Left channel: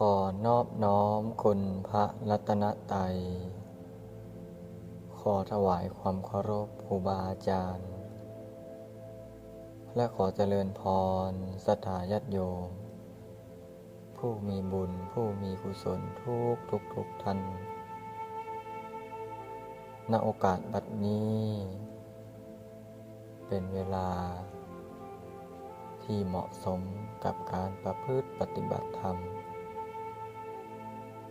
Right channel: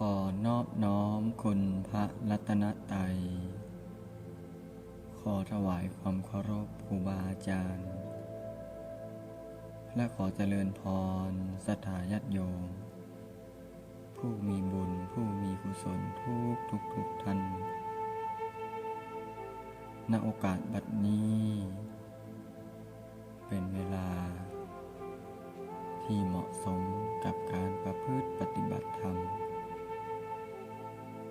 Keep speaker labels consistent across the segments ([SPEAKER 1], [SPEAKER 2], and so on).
[SPEAKER 1] ขอนอบน้อมคุณพระรัตนตรัย ขอถวายความเคารพครูบาอาจารย์ และขอเจริญพรสถาญาติโยม ผู้มีบุญผู้มีกุศลทุกทุกทุกท่านณโอกาสบัดนี้ เป็นเวลาที่เหมาะสมกับการประพฤติปฏิบัติธรรม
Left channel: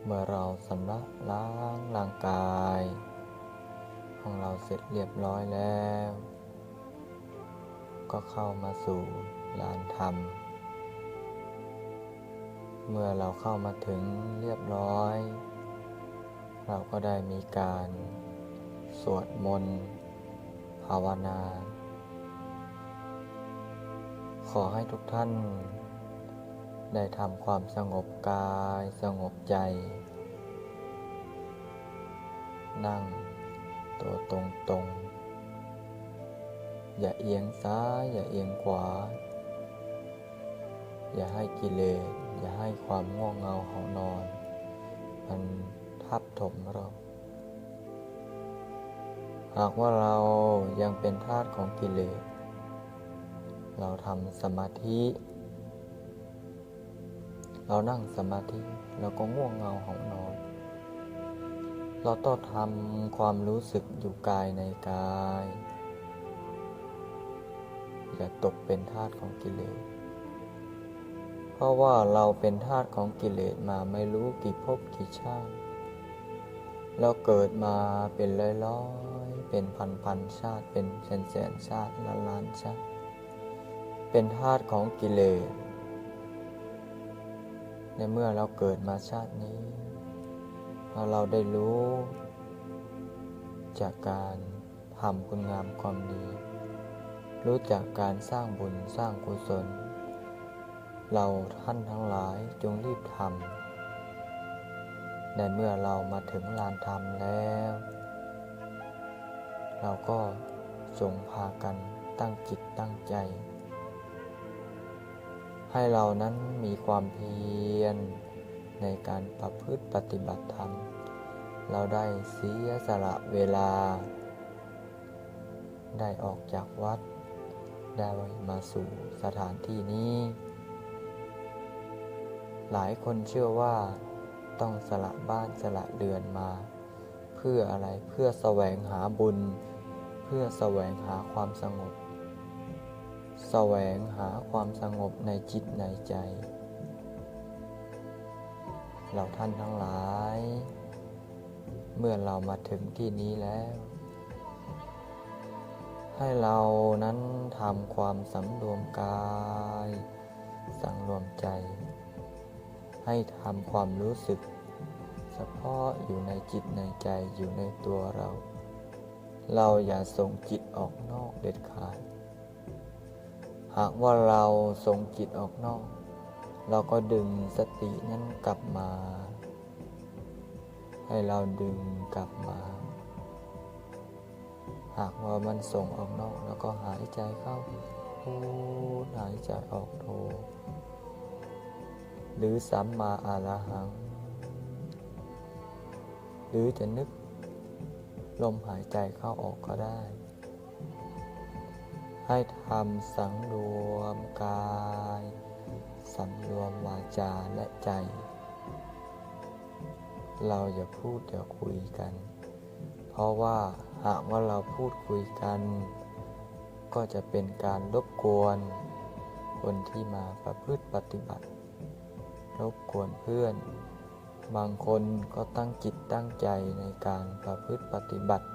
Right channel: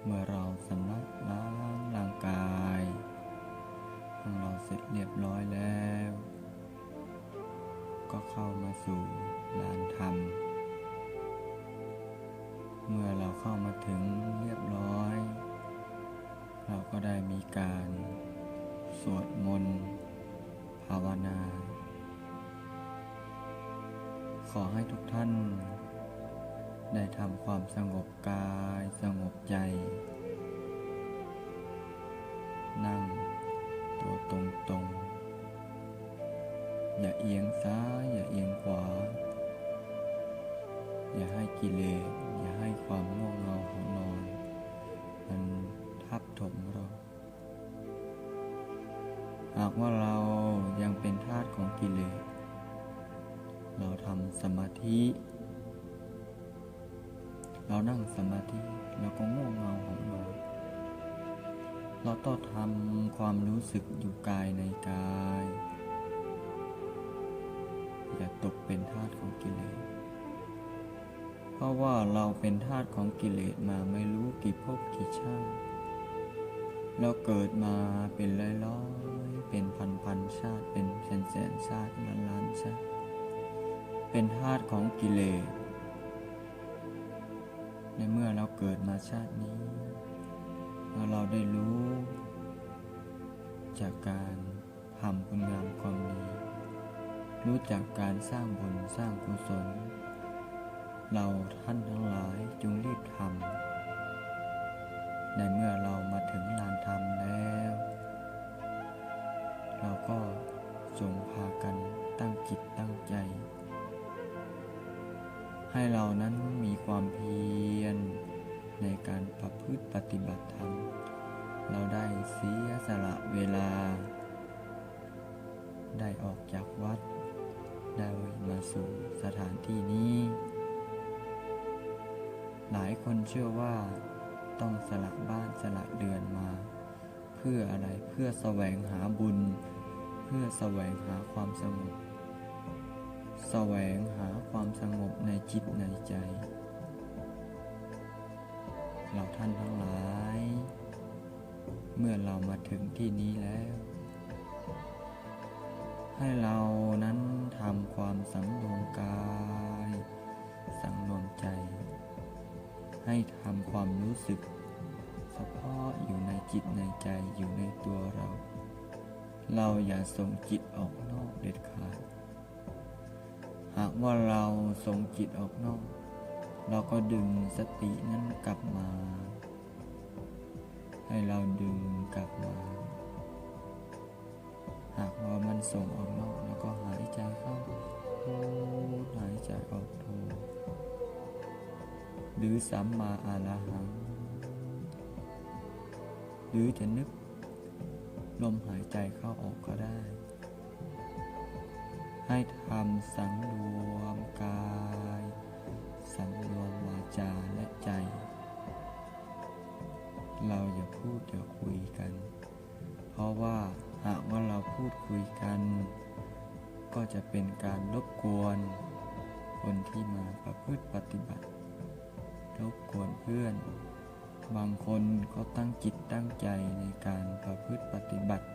[SPEAKER 1] เมื่อเราสำระล้างร่างกาย ของเราเสร็จเรียบร้อยแล้ว ก็เข้ามาสู่ลานธรรม เมื่อเราเข้ามาถึงเรียบร้อย เราก็ได้มีการสวดมนต์ภาวนา ขอให้ทุกท่าน ได้ทำความสงบกายสงบใจ นั่งตัวตรงตรงๆอย่าเอียงซ้าย อย่าเอียงขวา อย่าให้กิเลส อย่าให้ความง่วงเงาเหานอน มันทับถมเรา หากว่าเรายังเป็นทาสของกิเลส เราทำสมาธิ เรานั่งสมาธิเราก็ง่วงเงาหานอน เราต้องทำความรู้สึกอยู่กายในกาย อย่าตกเป็นทาสของกิเลส เพราะว่าเราเป็นทาสของกิเลสมาไม่รู้กี่ภพกี่ชาติ เราเกิดมาเป็นร้อยร้อยๆเป็นพันพันๆชาติเป็นแสนแสนๆชาติล้านล้านๆชาติ เป็นทาสของกิเลส ในเมื่อเราเกิดมาชาตินี้พอเราได้รู้ จากการทำคุณงามความดี รู้จากการสร้างบุญสร้างกุศล เราท่านทั้งหลายจงรีบทำในเมื่อเรามาถึงลานธรรมแล้ว เราก็จงพากันตั้งจิตตั้งใจ ให้เรานั้นมีความเพียรในการประพฤติปฏิบัติธรรม เราได้เสียสละเวลา ได้ออกจากวัด ได้มาสู่สถานที่นี้ หลายคนเชื่อว่าต้องสละบ้านสละเดือนมา เพื่ออะไรเพื่อแสวงหาบุญ เพื่อแสวงหาความสงบ แสวงหาความสงบในจิตในใจ เราท่านทั้งหลาย เมื่อเรามาถึงที่นี้แล้ว ให้เรานั้นทำความสำรวมกาย สังรวมใจ ให้ทำความรู้สึกเฉพาะอยู่ในจิตในใจอยู่ในตัวเรา เราอย่าส่งจิตออกนอกเด็ดขาด หากว่าเราส่งจิตออกนอก เราก็ดึงสตินั้นกลับมา ให้เราดึงกลับมา หากว่ามันส่งออกนอกแล้วก็หายใจเข้าโทหายใจออกโทหรือสัมมาอาระหัง หรือจะนึกลมหายใจเข้าออกก็ได้ ให้ทำสังรวมกาย สังรวมวาจาและใจ เราอย่าพูดอย่าคุยกัน เพราะว่าหากว่าเราพูดคุยกัน ก็จะเป็นการรบกวน คนที่มาประพฤติปฏิบัติ รบกวนเพื่อน บางคนก็ตั้งจิตตั้งใจในการประพฤติปฏิบัติ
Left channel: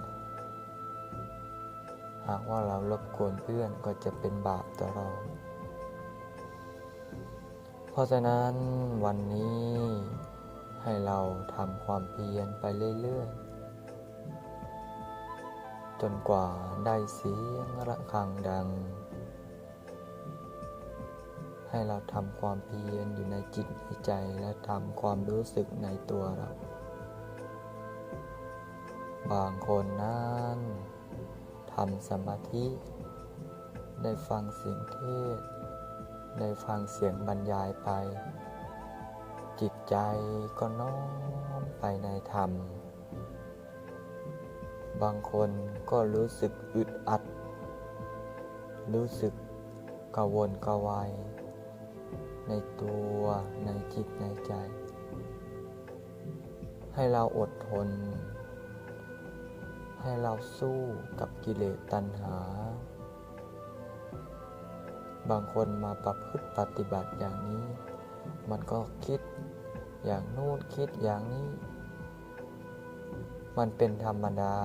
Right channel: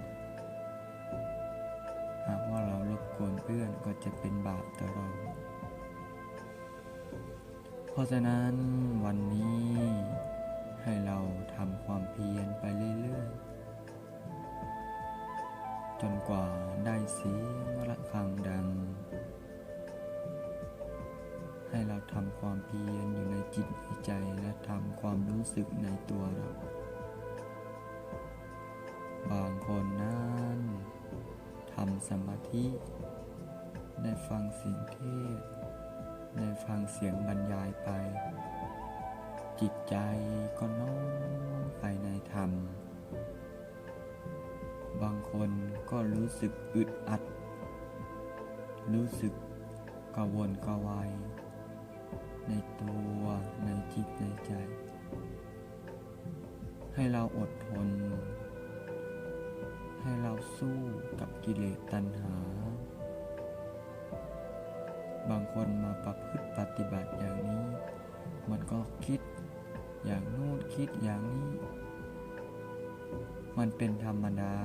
[SPEAKER 1] หากว่าเรารบกวนเพื่อนก็จะเป็นบาปต่อเรา เพราะฉะนั้นวันนี้ให้เราทำความเพียรไปเรื่อยๆ จนกว่าได้เสียงระฆังดัง ให้เราทำความเพียรอยู่ในจิตในใจและทำความรู้สึกในตัวเรา บางคนนั้น ทำสมาธิ ได้ฟังเสียงเทศน์ได้ฟังเสียงบรรยายไป จิตใจก็น้อมไปในธรรม บางคนก็รู้สึกอึดอัด รู้สึกกระวนกระวายในตัวในจิตในใจ ให้เราอดทน ให้เราสู้กับกิเลสตัณหา บางคนมาประพฤติปฏิบัติอย่างนี้ มันก็คิดอย่างนู่นคิดอย่างนี้ มันเป็นธรรมดา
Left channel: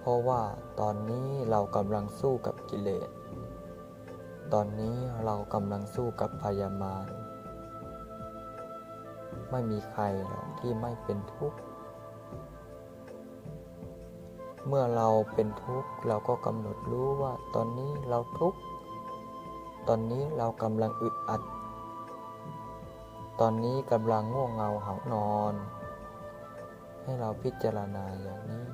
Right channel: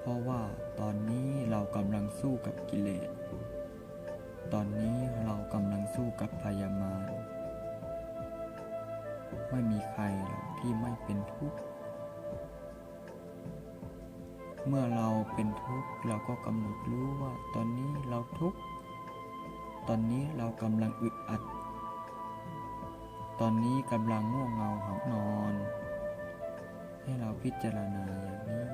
[SPEAKER 1] เพราะว่าตอนนี้เรากำลังสู้กับกิเลส ตอนนี้เรากำลังสู้กับพยามารไม่มีใครหรอกที่ไม่เป็นทุกข์ เมื่อเราเป็นทุกข์เราก็กำหนดรู้ว่า ตอนนี้เราทุกข์ ตอนนี้เรากำลังอึดอัด ตอนนี้กำลังง่วงเงาหานอน ให้เราพิจารณาอย่างนี้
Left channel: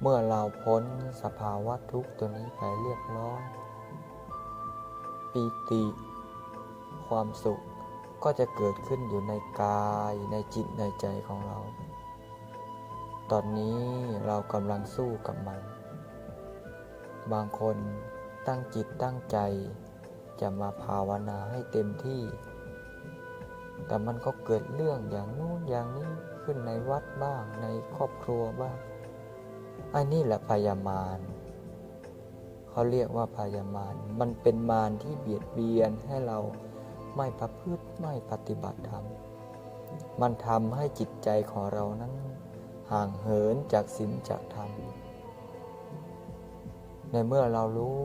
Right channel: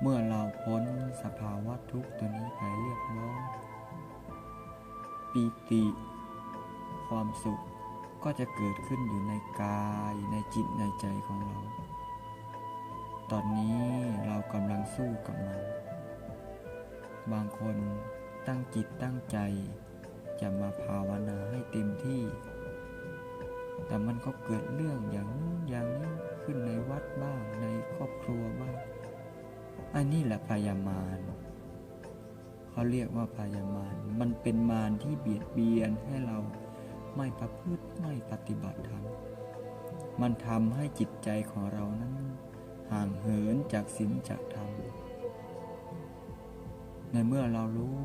[SPEAKER 1] เมื่อเราพ้นสภาวะทุกข์ตัวนี้ไปเรียบร้อยปีติ ความสุขก็จะเกิดขึ้นอยู่ในกายในจิตในใจของเรา ตอนนี้เรากำลังสู้กับมัน บางคนตั้งจิตตั้งใจ จะมาภาวนาให้เต็มที่ แต่มันก็เกิดเรื่องอย่างนู้นอย่างนี้ขึ้นในวัดบ้างในครอบครัวบ้าง อันนี้แหละพยามารเขาเรียกว่าพยามารมันเป็นมารที่เบียดเบียนให้เราไม่ประพฤติไม่ปฏิบัติธรรม มันทำให้จิตใจของเรานั้น ห่างเหินจากศีลจากธรรม ในเมื่อเรารู้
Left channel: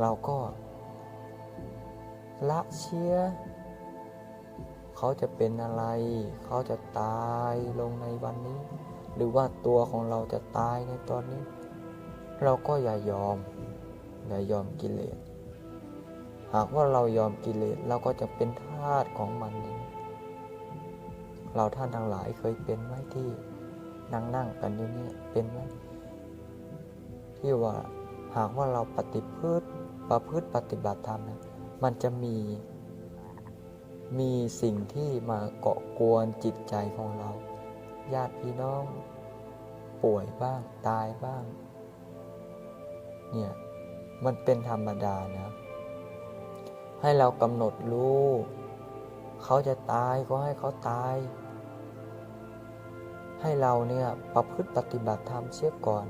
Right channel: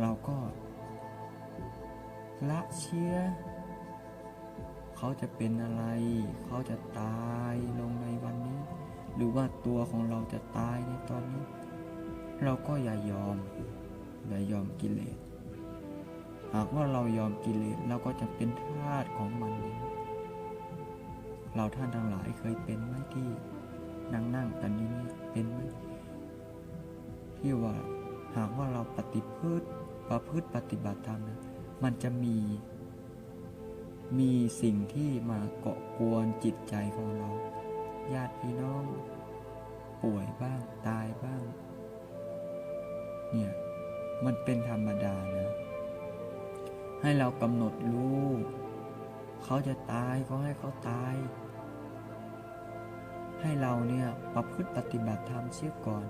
[SPEAKER 1] เราก็ละเชียเขาจะเป็นอะไร เขาจะตายลงในวันนี้ หรือว่าตัวของเราจะตายในตอนนี้ เราก็อย่ายอม อย่ายอมกิเลส หากว่าเรายอมกิเลสเราก็จะเป็นทาสของมันเองเราท่านทั้งหลายเคยเป็นไหมที่ นั่งนั่งกันอยู่เนี่ยเป็นไหมที่ว่าหากว่าเราปฏิพฤติประพฤติปฏิบัติธรรมนะมันจะมี มีสิ่งที่มาเกาะกวนจิตใจของเรา ญาติพี่น้อง ป่วยบ้างตายบ้าง เนี่ย มันเป็นธรรมดานะให้เรากำหนดรู้ เขาจะตายก็ให้เขาตาย ให้เราเนี่ยประพฤติปฏิบัติธรรมเสียก่อน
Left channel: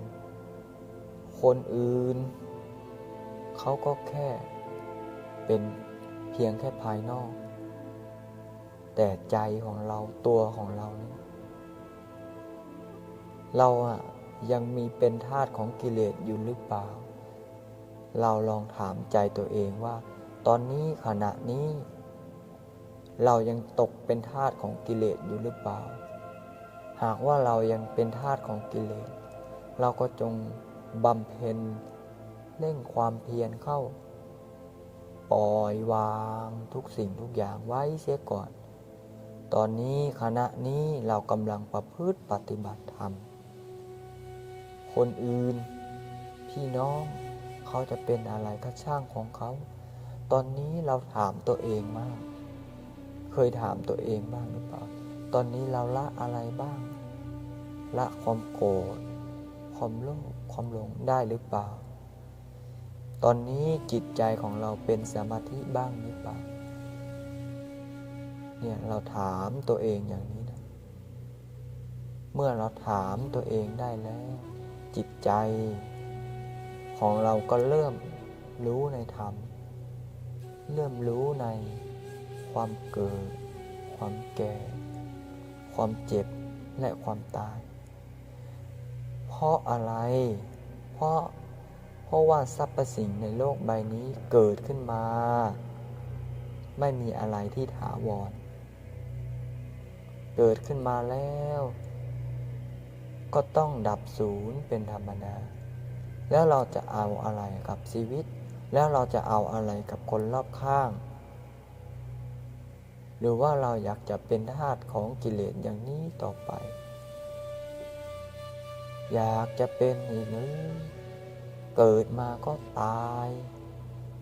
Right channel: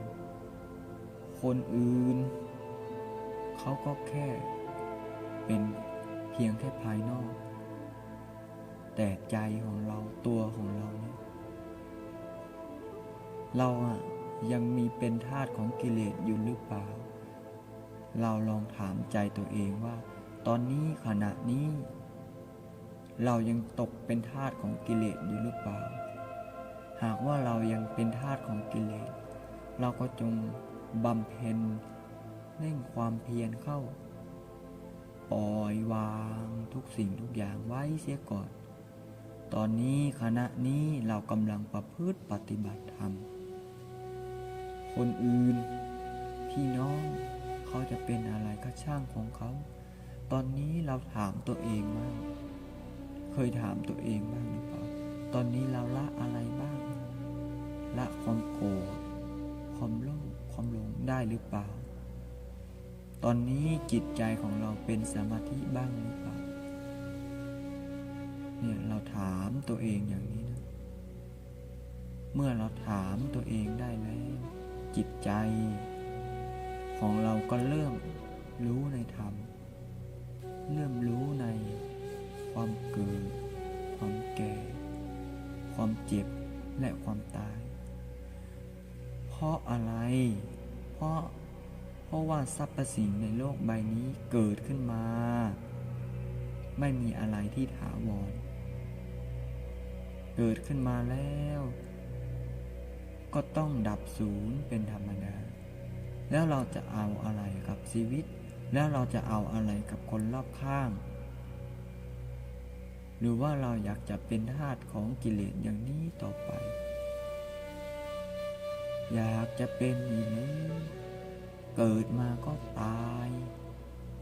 [SPEAKER 1] คนอื่น เขาก็แค่เป็นเพียงแค่ภายนอก แต่ใจของเราตัวของเราเนี่ยเราอะยังมีเป็นทาสของกิเลสอยู่หรือเปล่า เราลองถามใจตัวเองว่า ตอนนี้ขณะนี้ เรายังตกเป็นทาสของกิเลสอยู่หรือเปล่า หากว่าเรายังเป็นทาสของกิเลส เราก็จงบำเพ็ญเร่งความเพียรเข้า ปล่อยวางทุกสิ่งทุกอย่างไว้เสียก่อน ตอนนี้ขณะนี้เรากำลังประพฤติปฏิบัติธรรม คนอื่น พี่น้องเขาจะเป็นอะไรก็ช่างของเขา ตอนนี้เราถามตัวเองมาก เคยถามตัวเองบ้างหรือเปล่า ตอนนี้เราละอะไรบ้าง ละความโกรธ ความโลภ ความหลงได้หรือเปล่า ตอนนี้จิตใจของเราเป็นสมาธิบ้างหรือเปล่า เนี่ยเราถามตัวเองอย่างนี้นะ เมื่อเราถามตัวเองได้แล้ว จิตใจ ของเราก็เริ่มรู้ในธรรม เริ่มรู้ในความเกิด ความแก่ ความเจ็บและความตาย เพราะอะไร เพราะเพราะว่าสรรพสิ่งในโลกใบนี้เกิดขึ้นมา ไม่มีอะไรที่ถาวร เกิดขึ้นมาแล้ว ก็ต้องดับศูนย์เป็นธรรมดา แล้วเราจะเอาอะไรกับชีวิต แล้วเราจะเอาอะไรกับคนรอบข้าง หรือว่าเราอยากจะเป็นทาสของกิเลสอย่างนี้ต่อไป อยากจะเป็นอีกหรือเกิดมาก็ตาย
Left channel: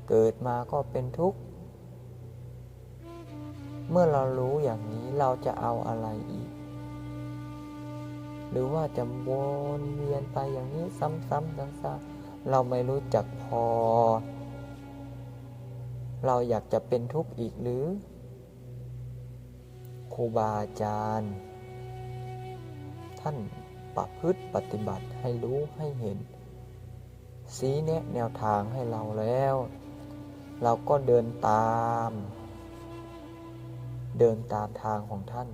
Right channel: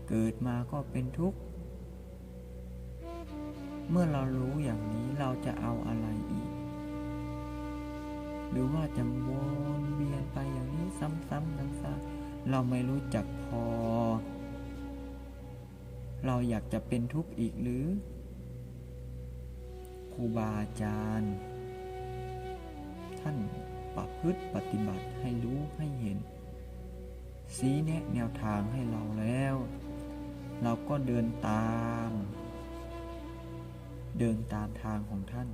[SPEAKER 1] เกิดมาก็เป็นทุกข์เกิดมาก็ต้องแก่เกิดมาก็เจ็บเกิดมาก็ตายเกิดมาก็เมื่อเรารู้อย่างนี้เราจะเอาอะไรอีก หรือว่าจะวนเวียนไปอย่างนี้ซ้ำๆซ้ำๆเราไม่รู้จักพอ เราอยากจะเป็นทุกข์อีกหรือ ครูบาอาจารย์ ท่านประพฤติปฏิบัติให้รู้ให้เห็นสีแนะแนวทางให้เราแล้ว เราก็เดินตาม เดินตามทางของท่าน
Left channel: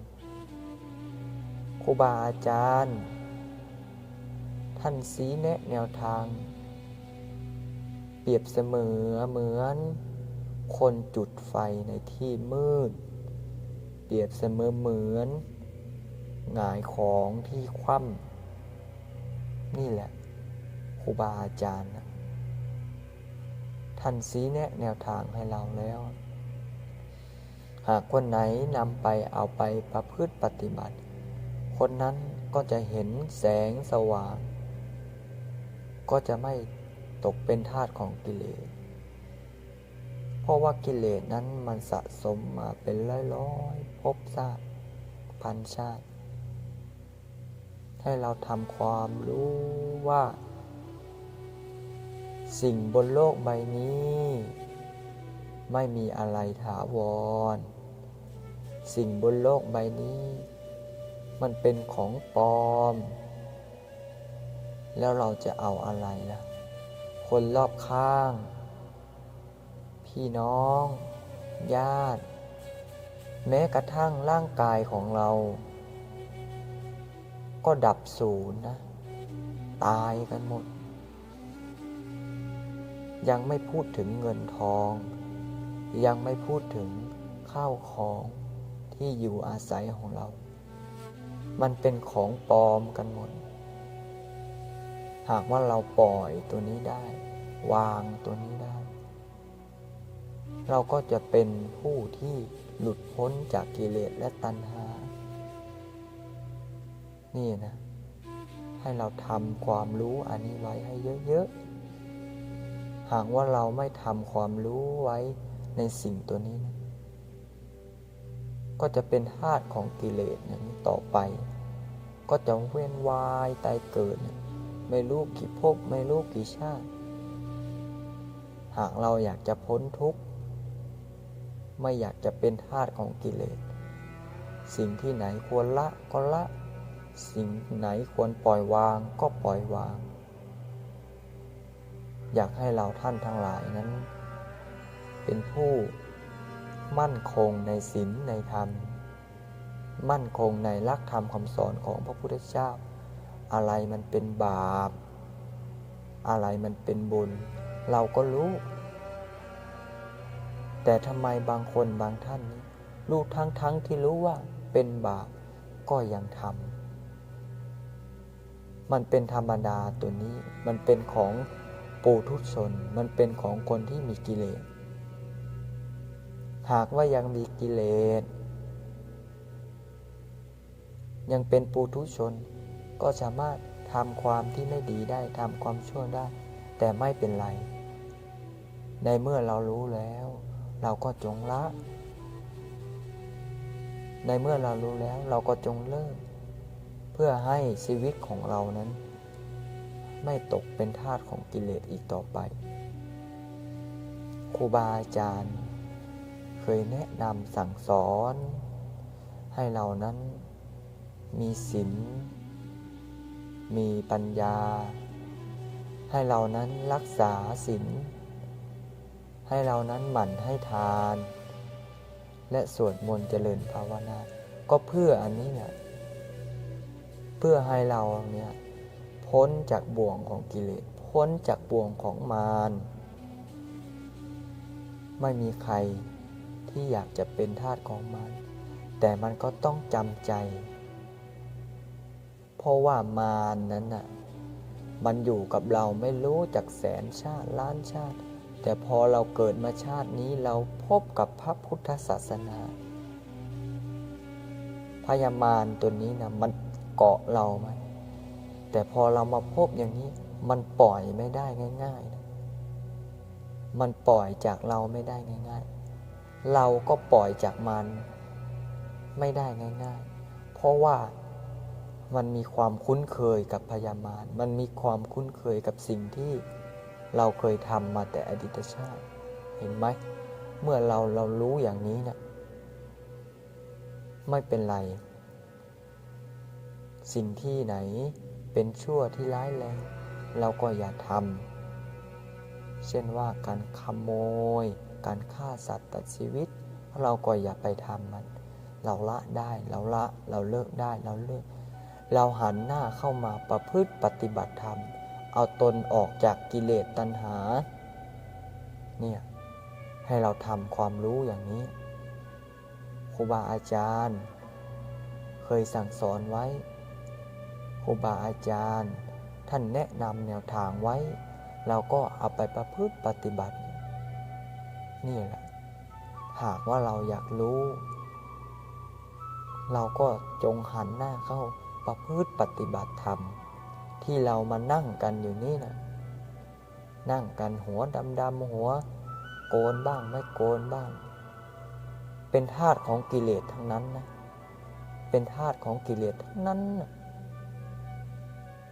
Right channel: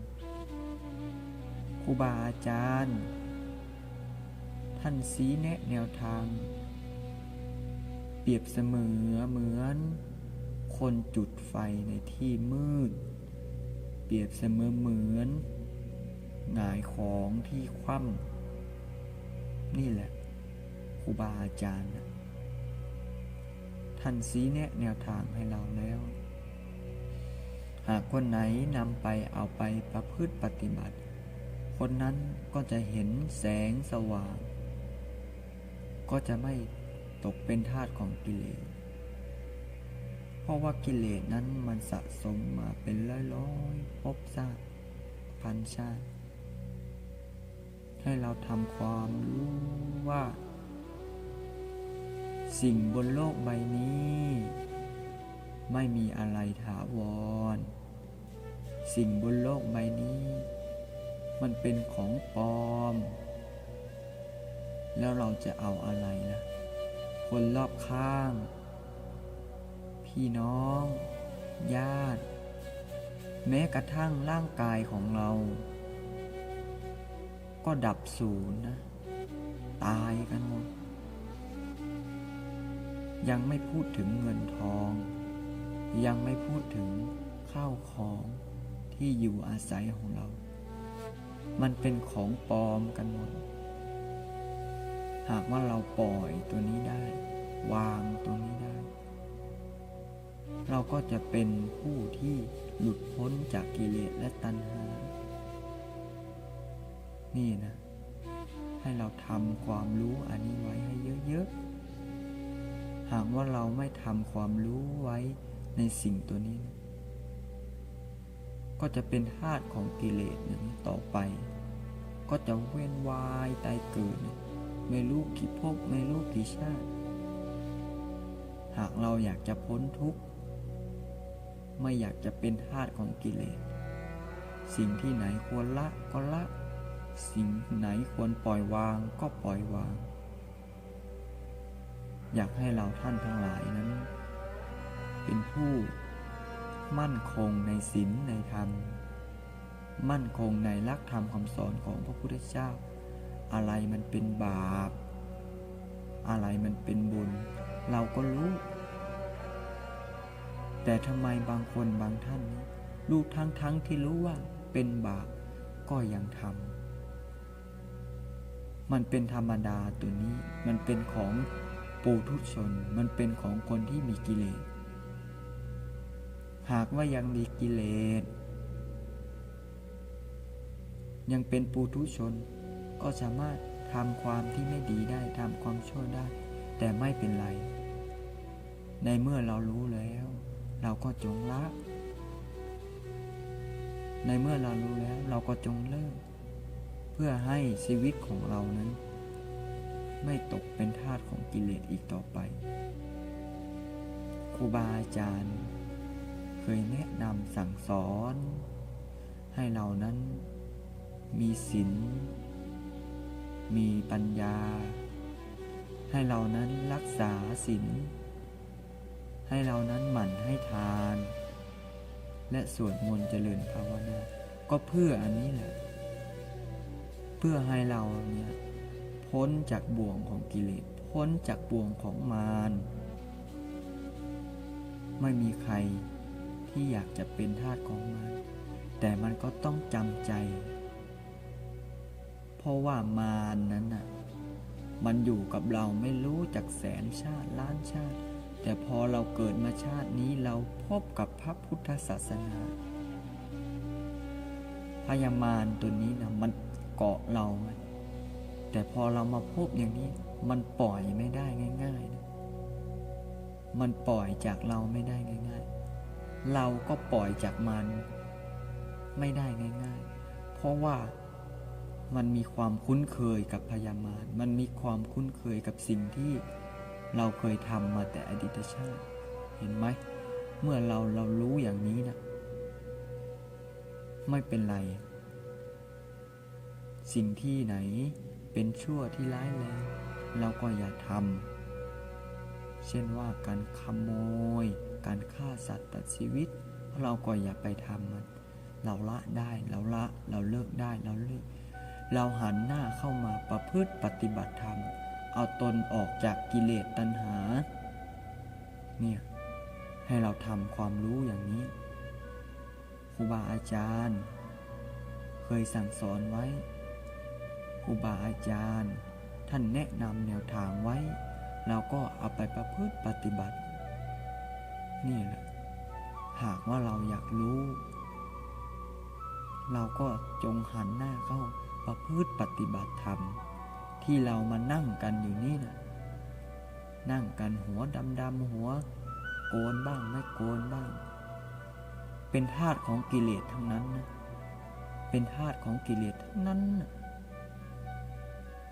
[SPEAKER 1] ครูบาอาจารย์ ท่านสีแนะแนวทาง เปรียบเสมอเหมือน คนจุดไฟในที่มืด เปรียบเสมอเหมือนหงายของที่คว่ำนี่แหละครูบาอาจารย์นะท่านซีแนะแนวทางให้เราแล้ว หากคนไหนนำไปเอาไปประพฤติปฏิบัติ คนนั้นก็จะเห็นแสงสว่าง ก็จะไม่ตกเป็นทาสของกิเลส ราะว่ากิเลสนั้นมันสะสมมาเป็นร้อยๆภพชาติพันชาติ ให้เราทำความรู้ว่า สิ่งบนโลกใบนี้ ไม่มีอะไรถาวร สิ่งบนโลกใบนี้ มันเป็นของปลอม แล้วเราจะเอาอะไรล่ะ คนรอบข้าง พี่น้อง ญาติ แม้กระทั่งร่างกายของเรา ก็ดับศูนย์นะ ตายกันหมด ยังไม่พูดถึงเงินทอง ยังไม่พูดถึงข้าวของที่อยู่อาศัยของเรา มันเป็นของปลอมกันหมด หากว่าเราปล่อยตัวนี้ได้ วางตัวนี้ได้ เราก็จะเป็นผู้ที่หลุดพ้นจากกิเลสและตัณหา นี่นะ ให้เราทำความรู้อันนี้ไว้ให้เยอะๆ หากว่าเราไม่ทำความรู้ไว้ในสิ่งตัวนี้นะก็จะเป็นธาตุของกิเลสนั้นต่อไป ก็จะเวียนวายตายเกิด ไม่รู้กี่ภพไม่รู้กี่ชาติ หากเราอยากจะพ้นทุกข์ ไม่อยากจะเป็นทาสของกิเลส สิ่งที่ไหนควรละก็ละ สิ่งไหนควรปล่อยวางก็ปล่อยวาง อยากให้เราท่านทั้งหลายนั้น เป็นผู้มั่นคงในศีลในธรรม มั่นคงในลักธรรมคำสอนของพระพุทธเจ้า อะไรมันเป็นบาป อะไรมันเป็นบุญ เราก็รู้ แต่ทำไมบางคนบางท่านนี้รู้ทั้งทั้งที่รู้ว่าเป็นบาปก็ยังทำมันเป็นธรรมดาตัวนี้ มันเป็นของปูทุชน มันเป็นของคนที่มีกิเลส หากว่ายังมีกิเลส ยังเป็นปูทุชน ก็สามารถทำความที่ไม่ดีได้ทำความชั่วได้ แต่ไม่เป็นไร ในเมื่อเรารู้แล้ว เราก็จงละ ในเมื่อเรารู้แล้วเราก็จงเลิก เพื่อให้ชีวิตของเรานั้น ไม่ตกเป็นทาสของกิเลสอีกต่อไปครูบาอาจารย์ เคยแนะนำสั่งสอน ให้เรานั้นมีศีลมีปัญญา ให้เรานั้นรักษาศีล ให้เรานั้นหมั่นให้ทาน และสวดมนต์เจริญภาวนา ก็เพื่ออันนี้แหละ เพื่อให้เราเนี่ยพ้นจากบ่วงของกิเลส พ้นจากบ่วงของมารไม่มีใครที่อยากจะเป็นทาสของมารแต่มันก็ต้องจำใจ เพราะว่ามารนนั้นน่ะ มันอยู่กับเราไม่รู้จากแสนชาติล้านชาติ แต่พอเราเกิดมาชาตินี้เราพบกับพระพุทธศาสนาพยามารตัวนี้นะมันเกาะเราไหมแต่พอเรามาพบอย่างนี้มันปล่อยไม่ได้ง่ายๆนะมันปล่อยจากเราไม่ได้ง่าย ๆ เราก็ปล่อยจากมันไม่ได้ง่าย ๆ เพราะว่ามันมีความคุ้นเคยกับพยามารมันมีความคุ้นเคยกับสิ่งที่ เราเคยทำมาแต่อดีตชาติ เห็นไหม เมื่อเราเรารู้อย่างนี้นะไม่เป็นไร สิ่งที่ไหนเป็นชั่วที่ร้ายแรงเราก็อย่าทำเช่นว่าการขโมย การฆ่าสัตว์ตัดชีวิต เราก็อย่าไปทำมัน เราละได้เราละเราเลิกได้เราเลิก เราหันหน้าเข้ามาประพฤติปฏิบัติธรรม เอาตนออกจากกิเลสตัณหา เนี่ยให้เราทำความรู้อย่างนี้ครูบาอาจารย์ เคยสั่งสอนไว้ครูบาอาจารย์ ท่านแนะนำแนวทางไว้ เราก็เอาไปประพฤติปฏิบัติ นี่แหละ หากว่าเราอยากรู้ เราก็จงหันหน้าเข้าประพฤติปฏิบัติธรรม ที่เรามานั่งกันอยู่นี่นะนั่งกันหัวดำๆหัว โกนบ้างไม่โกนบ้าง เป็นธาตุของกิเลสทั้งนั้นนะเป็นธาตุของกิเลสทั้งนั้นนะ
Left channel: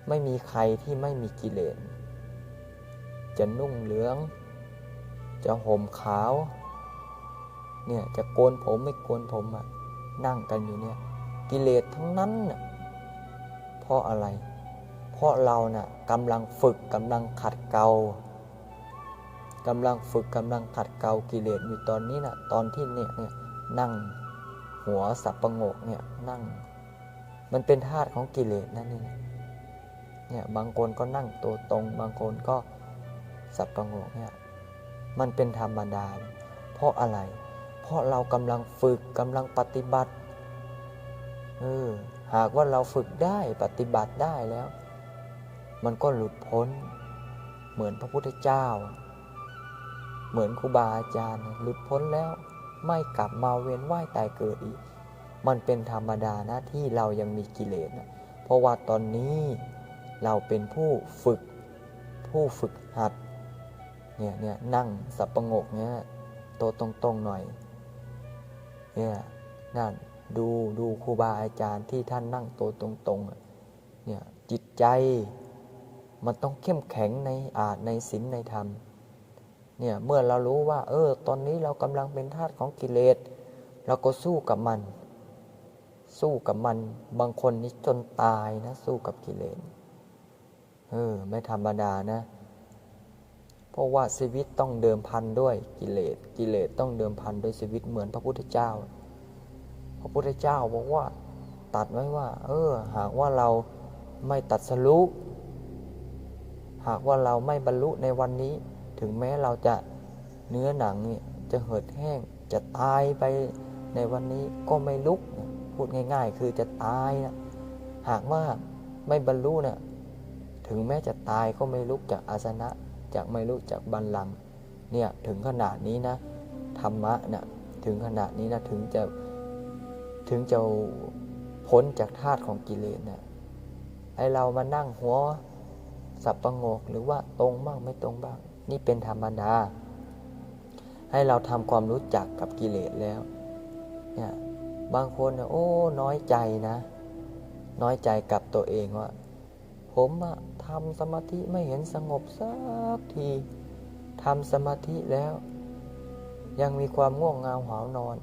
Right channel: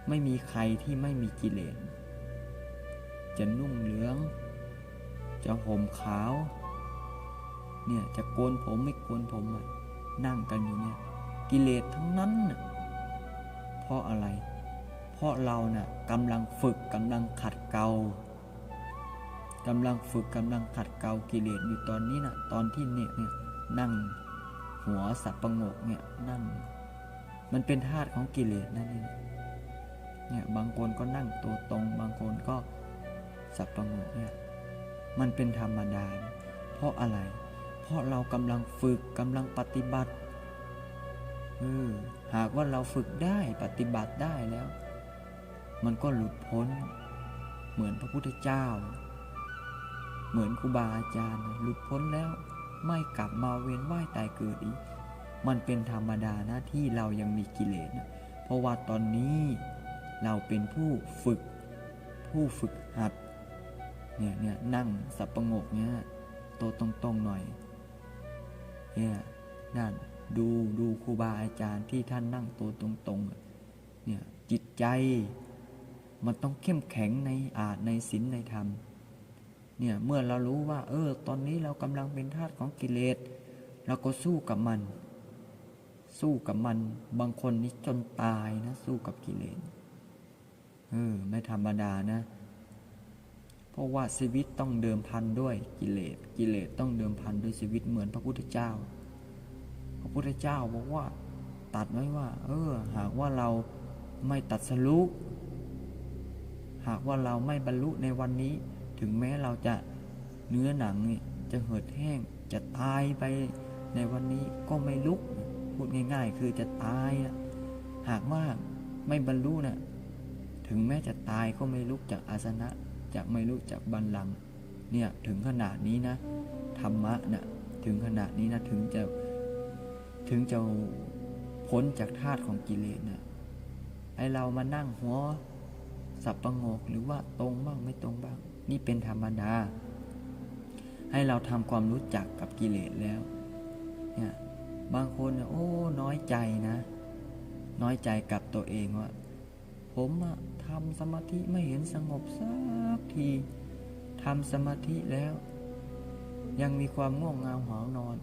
[SPEAKER 1] ไม่มีใครที่ไม่มีกิเลส จะนุ่งเหลือง จะห่มขาว เนี่ยจะโกนผมไม่โกนผมอะนั่งกันอยู่เนี่ย กิเลสทั้งนั้นน่ะเพราะอะไร เพราะเราน่ะกำลังฝึกกำลังขัดเกลากำลังฝึกกำลังขัดเกลากิเลสอยู่ตอนนี้น่ะตอนที่เนี่ยเนี่ยนั่งหัวสับประงกเนี่ยนั่ง มันเป็นธาตุของกิเลสนั่นเองเนี่ยบางคนก็นั่งตัวตรง บางคนก็สับประงกเนี่ยมันเป็นธรรมดา เพราะอะไร เพราะเรากำลังฝึกกำลังปฏิบัติเออหากว่าเราฝึกได้ปฏิบัติได้แล้ว มันก็หลุดพ้น เหมือนพระพุทธเจ้า เหมือนครูบาอาจารย์หลุดพ้นแล้วไม่กลับมาเวียนว่ายตายเกิดอีก มันเป็นธรรมดานะที่เรายังมีกิเลสนะเพราะว่าตอนนี้เราเป็นผู้ฝึกผู้ฝึกหัดเนี่ยเนี่ยนั่งสับประงกเนี่ยโตวตรงๆหน่อยเนี่ยนั่นดูดูครูบาอาจารย์ที่ท่านนั่งโตวตรงๆเนี่ยจิตใจ มันต้องเข้มแข็งในอาในศีลในธรรมเนี่ยเมื่อเรารู้ว่า เออ ตอนนี้เรากำลังเป็นทาสของกิเลสเราก็สู้กับมัน สู้กับมัน บางคนนี่จนตายนะ สู้กับกิเลสเออไม่ธรรมดานะ เพราะว่าชีวิตต้องเดิมพันด้วยกิเลสกิเลสต้องเดิมพันด้วยชีวิตเหมือนพระพุทธเจ้า พระพุทธเจ้าบอกว่า ตัดไว้ว่า เออ หากว่าเราไม่ตัดสรุ หากว่าเราไม่บรรลุในวันนี้ ถึงแม้เราจะเนื้อหนังเนี่ยจะเหือดแห้ง จะตายไปในวันนี้ก็ไม่ลุก พูดง่าย ๆ คือจะตายนะหากว่าไม่บรรลุนะถึงแม้จะตายก็ไม่ลุกจากอาสนะ จากไม่ลุกจากบัลลังเนี่ยถึงขนาดนี้นะธรรมะนะถึงขนาดนี้นะถึงจะถึงจะพ้นจากธาตุของกิเลสนะไอเรามานั่งหัว สับประงกหรือว่าตรงบ้างไม่ตรงบ้าง นี่เป็นธรรมดา ให้เราทำความรู้จักกับกิเลสแล้วเนี่ยบางคนเนี่ยโอ้น้อยใจนะ น้อยใจกับตัวเองว่า ผมอะทำสมาธิไม่เห็นสงบสักทีทำสมาธิแล้ว ยังมีความง่วงเงาหาวนอน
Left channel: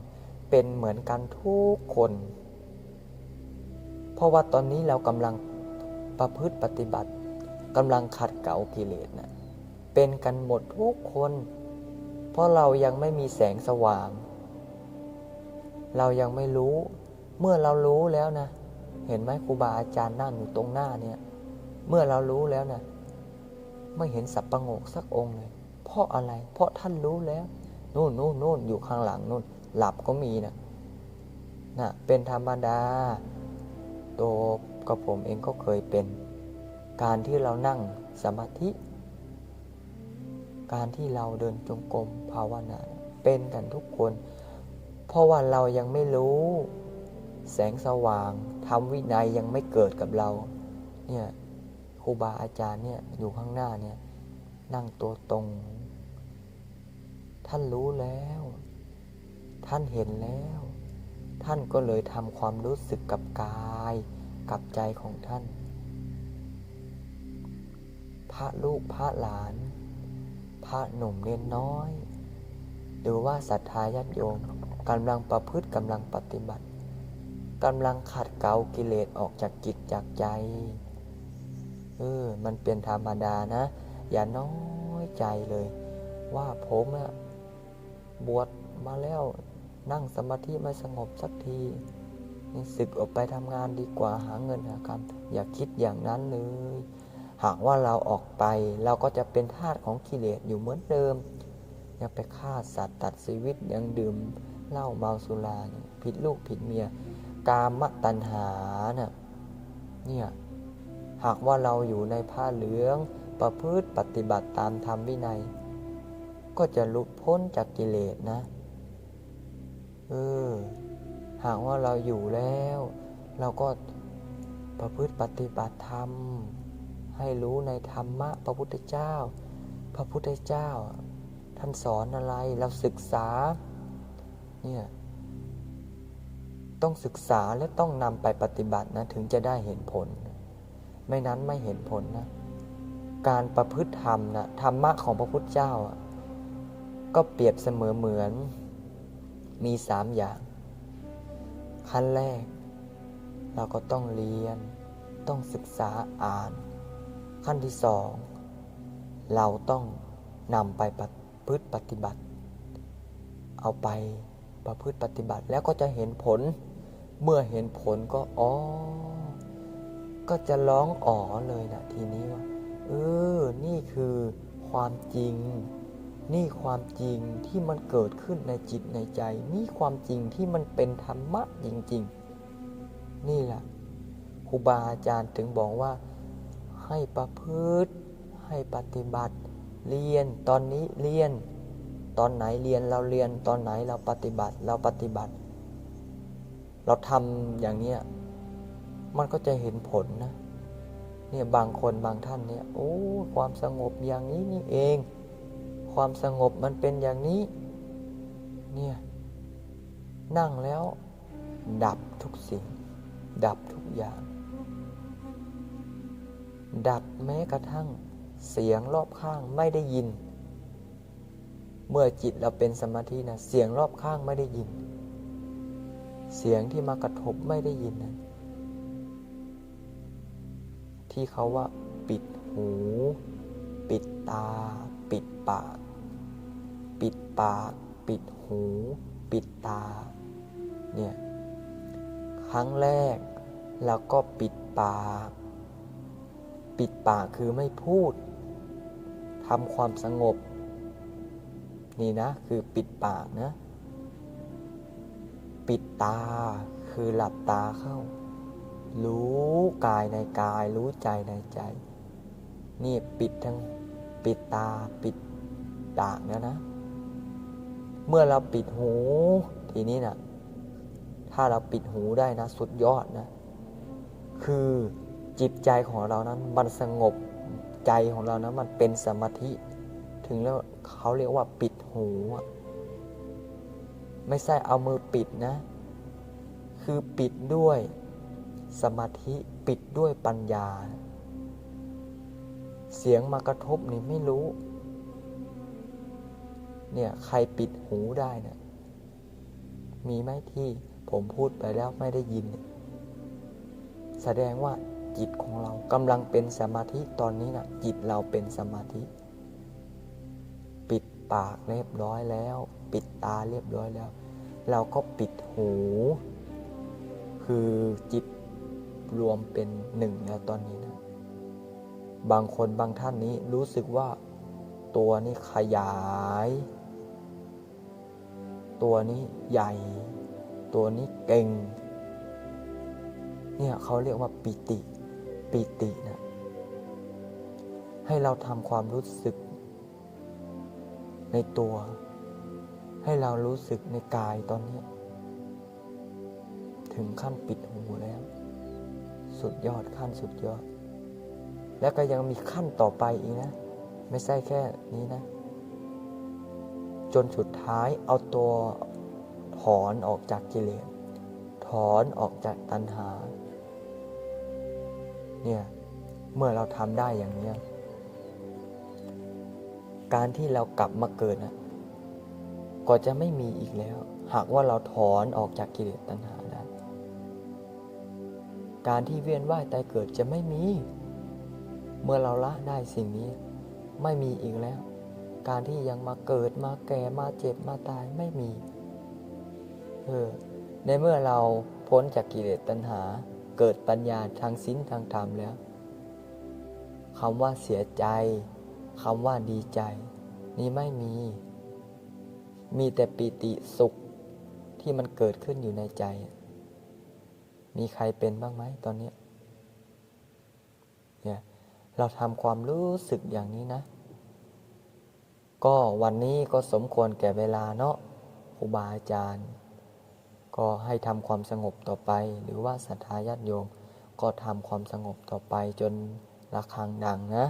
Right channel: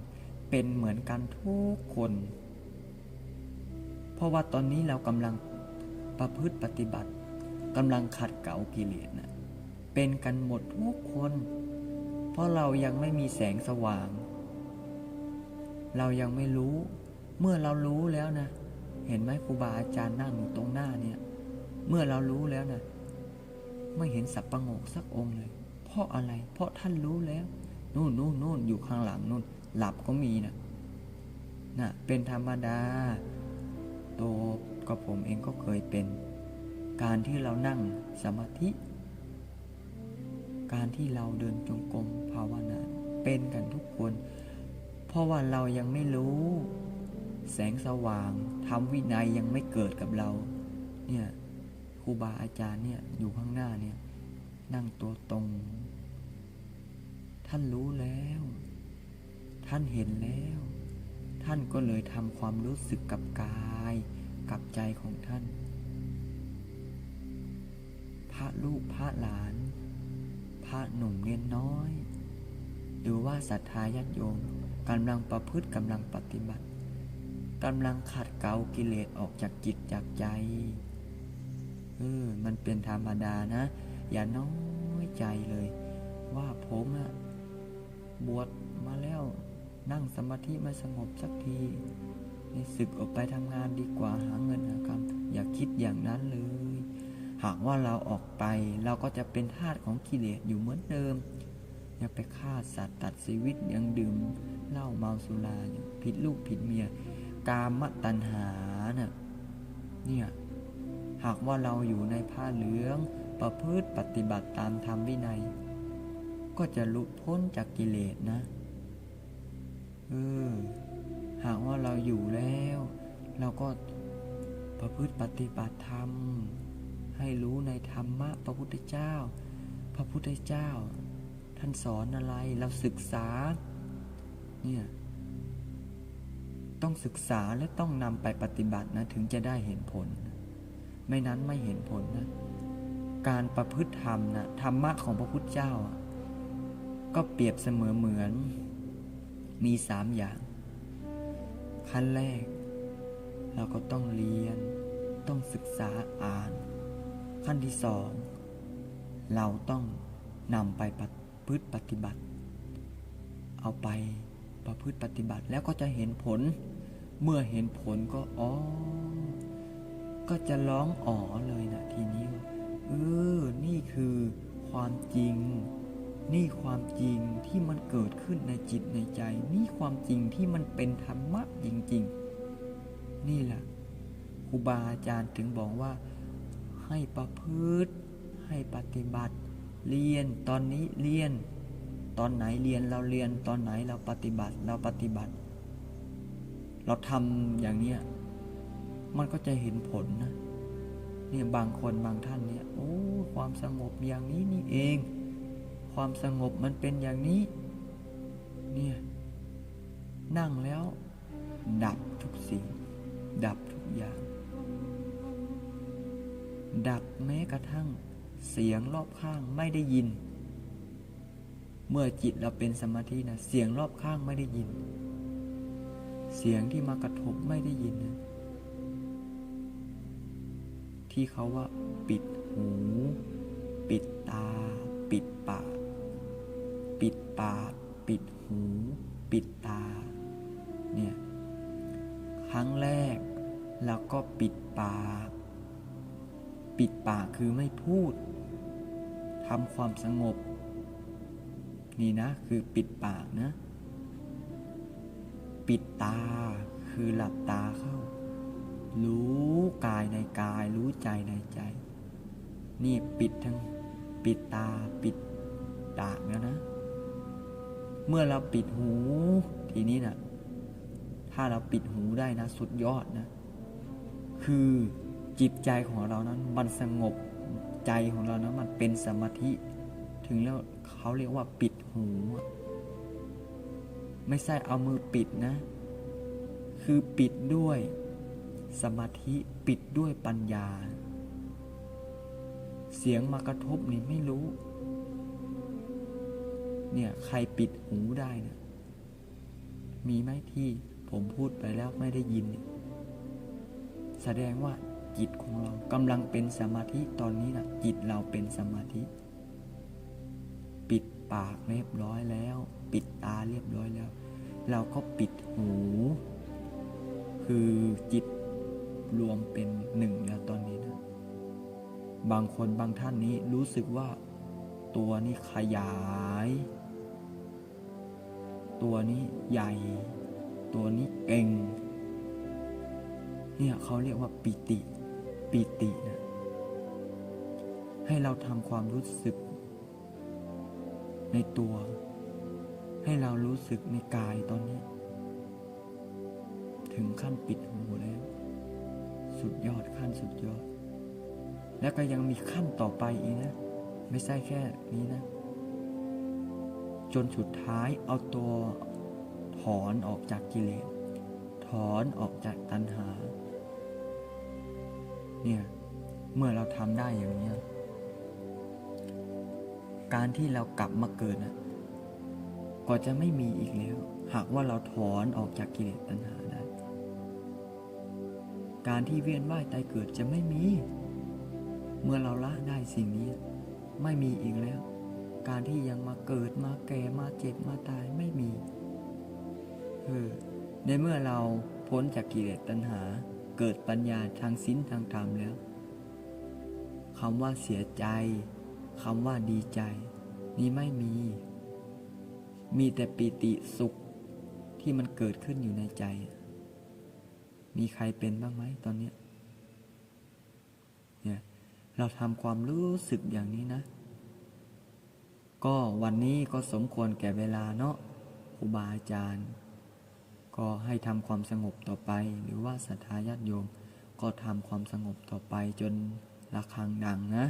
[SPEAKER 1] เป็นเหมือนกันทุกคน เพราะว่าตอนนี้เรากำลังประพฤติปฏิบัติ กำลังขัดเกลากิเลสนะเป็นกันหมดทุกคน เพราะเรายังไม่มีแสงสว่าง เรายังไม่รู้เมื่อเรารู้แล้วนะ เห็นไหมครูบาอาจารย์นั่งอยู่ตรงหน้าเนี่ย เมื่อเรารู้แล้วนะไม่เห็นสับประงกสักองค์เลย เพราะอะไร เพราะท่านรู้แล้วนู่นนู่นนู่นอยู่ข้างหลังนู่น หลับก็มีนะนะเป็นธรรมดาตัวกับผมเองก็เคยเป็น การที่เรานั่งสมาธิ การที่เราเดินจงกรมภาวนาเป็นกันทุกคน เพราะว่าเรายังไม่รู้ แสงสว่างทำวินัยยังไม่เกิดกับเราเนี่ยครูบาอาจารย์เนี่ยอยู่ข้างหน้าเนี่ยนั่งตัวตรง ท่านรู้แล้ว ท่านเห็นแล้ว ท่านก็เลยทำความรู้สึกกับกาย กับใจของท่าน พระลูกพระหลาน พระหนุ่มเน้นน้อย หรือว่าศรัทธาญาติโยมกำลังประพฤติกำลังปฏิบัติกำลังขัดเกลากิเลสออกจากจิตจากใจเออมันเป็นธรรมดานะ อย่าน้อยใจเลย ว่าผมอะบวชมาแล้วนั่งสมาธิไม่สงบสักทีนี่ศึกออกไปทำงานดีกว่าหาเงินหาคำอย่าคิดอย่างนั้นเลย หากว่าเราออกไปเราก็จะเป็นทาสของกิเลสอยู่เหมือนเดิม ยังไปฆ่าสัตว์ตัดชีวิตยังดื่มเหล้าเมาสุรายผิดลูกผิดเมีย กามตัณหาน่ะเนี่ยหากว่าเราอยู่ในผ้าเหลืองประพฤติปฏิบัติตามธรรมวินัย ก็จะหลุดพ้นจากกิเลสนะเออหากว่าเราอยู่แล้ว เราก็ประพฤติปฏิบัติธรรม ให้รู้ในธรรมะพระพุทธเจ้า พระพุทธเจ้า ท่านสอนอะไรเราศึกษาเนี่ยต้องศึกษาและต้องนำไปปฏิบัตินะถึงจะได้เห็นผล ไม่นั้นไม่เห็นผลนะการประพฤติธรรมนะธรรมะของพระพุทธเจ้า ก็เปรียบเสมอเหมือน มีสามอย่าง ขั้นแรก เราก็ต้องเรียนต้องศึกษาอ่าน ขั้นที่สองเราต้องนำไปประพฤติปฏิบัติ เอาไปประพฤติปฏิบัติแล้วก็จะเห็นผล เมื่อเห็นผลก็อ๋อ ก็จะร้องอ๋อเลยนะทีนี้ว่า เออ นี่คือความจริง นี่ความจริงที่มันเกิดขึ้นในจิตในใจ นี่ความจริงที่มันเป็นธรรมะจริง ๆ นี่แหละครูบาอาจารย์ถึงบอกว่า ให้ประพฤติ ให้ปฏิบัติ เรียนตอนนี้เรียน ตอนไหนเรียนเราเรียนตอนไหนเราปฏิบัติเราปฏิบัติ เราทำอย่างเนี้ยมันก็จะเห็นผลนะเนี่ยบางคนบางท่านเนี่ยโอ้ความสงบอย่างนี้นี่เอง ความสงบมันเป็นอย่างนี้เนี่ยนั่งแล้ว ดับทุกสิ่ง ดับทุกอย่าง ดับแม้กระทั่งเสียงรอบข้างไม่ได้ยิน เมื่อจิตเราเป็นสมาธินะเสียงรอบข้างไม่ได้ยิน เสียงที่มากระทบไม่ได้ยินนะที่เขาว่าปิดหู ปิดตา ปิดปาก ปิดปาก ปิดหู ปิดตา เนี่ย ครั้งแรกเราก็ปิดปาก ปิดปากคือไม่พูดทำความสงบ นี่นะคือปิดปากนะ ปิดตาคือหลับตาเข้า รู้กายในกาย รู้ใจในใจ นี่ปิดทั้งปิดตาปิดปากแล้วนะ เมื่อเราปิดหู ทีนี้นะ่ะถ้าเราปิดหูได้นะ สุดยอดนะ คือ จิตใจของเรานั้นมันสงบใจของเรานะมันเป็นสมาธิ ถึงแล้วเขาเรียกว่าปิดหู ไม่ใช่เอามือปิดนะ คือปิดด้วยสมาธิปิดด้วยปัญญา เสียงมากระทบนี่ไม่รู้ เนี่ยใครปิดหูได้นะมีไหมที่ผมพูดไปแล้วไม่ได้ยิน แสดงว่า จิตของเรากำลังเป็นสมาธิตอนนี้นะจิตเราเป็นสมาธิ ปิดปากเรียบร้อยแล้ว ปิดตาเรียบร้อยแล้ว เราก็ปิดหู คือจิตรวมเป็นหนึ่งแล้วตอนนี้นะบางคนบางท่านนี้รู้สึกว่าตัวนี้ขยาย ตัวนี้ใหญ่ ตัวนี้เก่ง เนี่ยเขาเรียกว่าปิติ ปิตินะให้เราทำความรู้สึก ในตัว ให้เรารู้สึกในกายตอนนี้ ถึงขั้นปิดหูแล้ว สุดยอดขั้นสุดยอด แล้วก็ยังมีขั้นต่อไปอีกนะ ไม่ใช่แค่นี้นะ จนสุดท้ายเอาตัวถอนออกจากกิเลสถอนออกจากตัณหา เนี่ยเมื่อเราทำได้อย่างเนี้การที่เรากลับมาเกิดนะก็จะไม่มีอีกแล้ว หากว่าเราถอนออกจากกิเลสตัณหาได้ การที่เวียนว่ายตายเกิดจะไม่มี เมื่อเราละได้สิ่งนี้ ไม่มีอีกแล้ว การที่ยังมาเกิดมาแก่มาเจ็บมาตายไม่มี เออในเมื่อเราพ้นจากกิเลสตัณหา เกิดปัญญาทางศีลทางธรรมแล้วคำว่าเสียใจคำว่าดีใจ นี่ไม่มี มีแต่ปิติสุขที่มันเกิดขึ้นอยู่ในใจ มีใครเป็นบ้างไหมตอนนี้เนี่ยเราทำความรู้สึกอย่างนี้นะ ก็วันนี้ก็สมควรแก่เวลาเนาะครูบาอาจารย์ ก็ให้ทำความสงบต่อไป หรือว่าศรัทธาญาติโยม ก็ทำความสงบต่อไปจนระฆังดังนะ